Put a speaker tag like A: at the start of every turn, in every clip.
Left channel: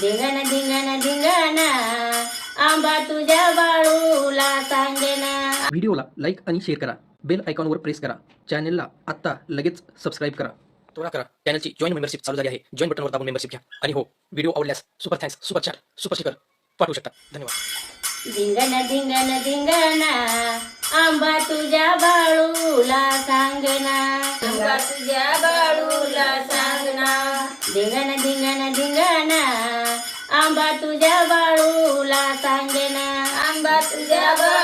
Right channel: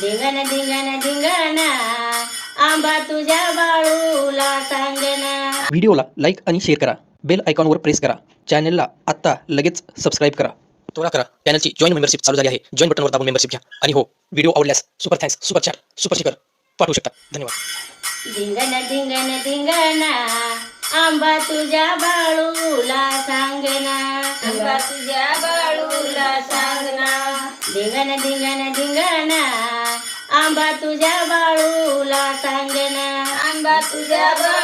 A: धिंगाणा धिंगाणा धिंगाणा. आंबा तुझ्या बाळूला सांगना.
B: व्हिडिओला लाईक आणि शेअर करा. बेल आयकॉनवर प्रेस करा. चॅनलला आत्ता लगेच सबस्क्राईब करा. त्वरा करा. चॅनलची जॉईन मेंबरशिप चालू झाली आहे. जॉईन बटनवर दाबून मेंबरशिप घ्या. आणि हो व्हिडिओ आवडल्यास super thanks super chat super sticker पाठवू शकता. धन्यवाद.
A: धिंगाणा धिंगाणा धिंगाणा. आंबा तुझ्या बाळूला सांगना. आंबा तुझ्या बाळूला सांगना. धिंगाणा धिंगाणा धिंगाणा. आंबा तुझ्या बाळूला सांगेना. आंबा तुझ्या बाळू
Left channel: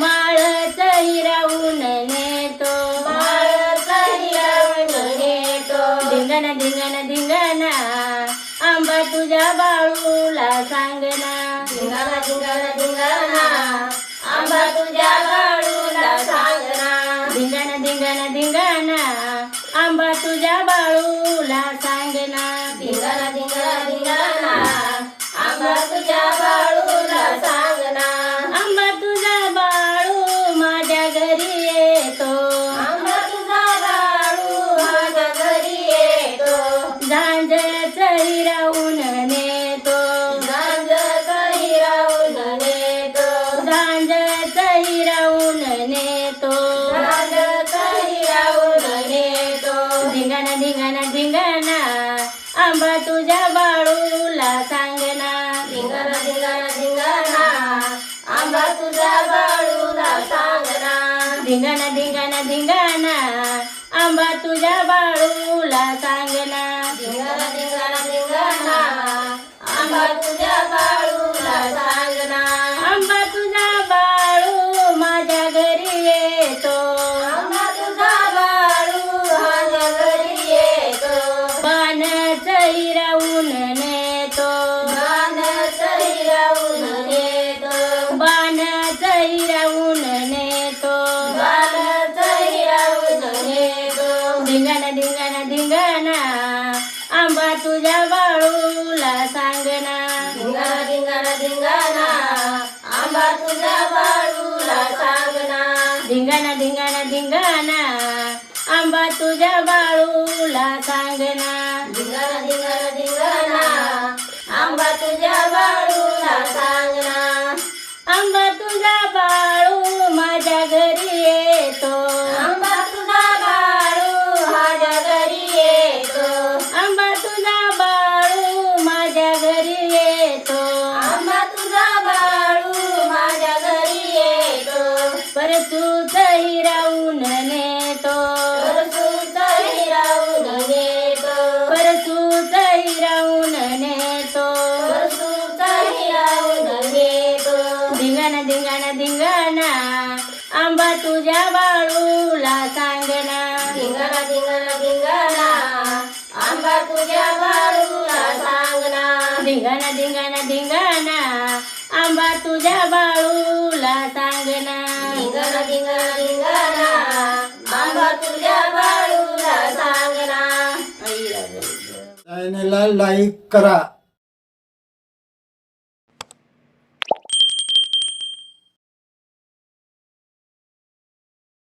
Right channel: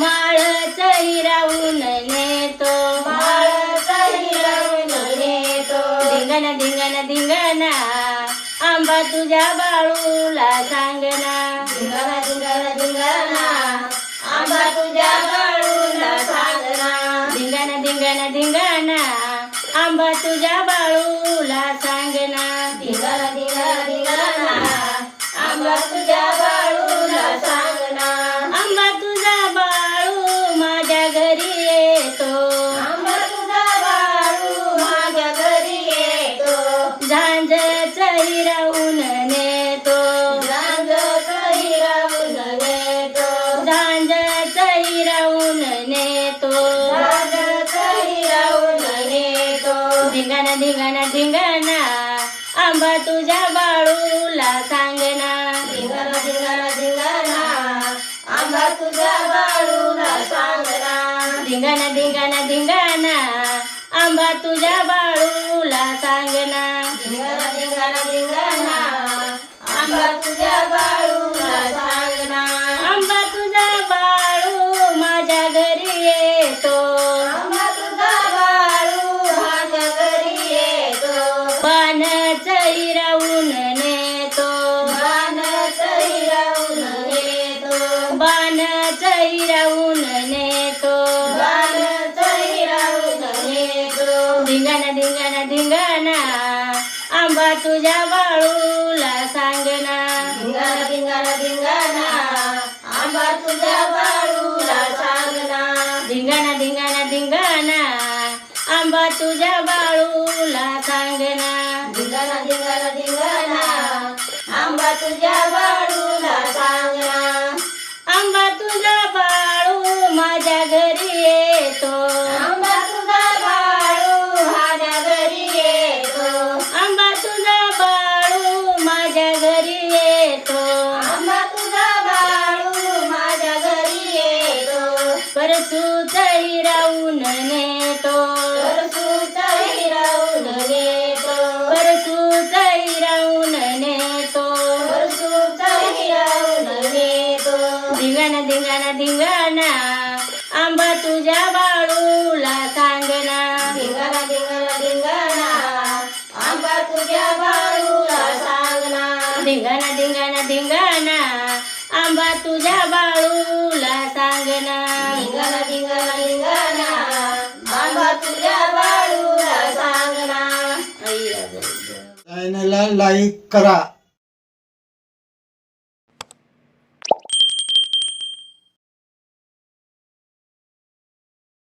A: माळच हिरावून नेतो. माळच हिरावून नेतो. धिंगाणा धिंगाणा धिंगाणा. आंबा तुझ्या बाळूला सांगना. धिंगाणा धिंगाणा धिंगाणा. आंबा तुझ्या बाळूला सांगना. धिंगाणा धिंगाणा धिंगाणा. आंबा तुझ्या बाळूला सांगना. धिंगाणा धिंगाणा झांजच हिरावून नेतो. झांजच हिरावून नेतो. झांजच हिरावून नेतो. झांजच हिरावून नेतो. धिंगाणा धिंगाणा धिंगाणा. आंबा तुझ्या बाळूला सांगना. धिंगाणा धिंगाणा धिंगाणा. आंबा तुझ्या बाळूला सांगना. धिंगाणा धिंगाणा धिंगाणा. आंबा तुझ्या बाळूला सांगना. तुझ्या धिंगाणा धिंगाणा धिंगाणा. आंबा तुझ्या बाळूला सांगना धिंगाणा धिंगाणा धिंगाणा. आंबा तुझ्या बाळूला सांगना आंबा तुझा हिरावून नेतो. परसूत हिरावून नेतो. परसूत हिरावून नेतो परसूत हिरावून नेतो धिंगाणा धिंगाणा आंबा तुझ्या बाळूला सांगना धिंगाणा धिंगाणा धिंगाणा. आंबा तुझ्या बाळूला सांगना. धिंगाणा धिंगाणा धिंगाणा. आंबा तुझ्या बाळूला सांगना. धिंगाणा धिंगाणा धिंगाणा आंबा तुझ्या बाळूला सांगना.
C: लाईक करा.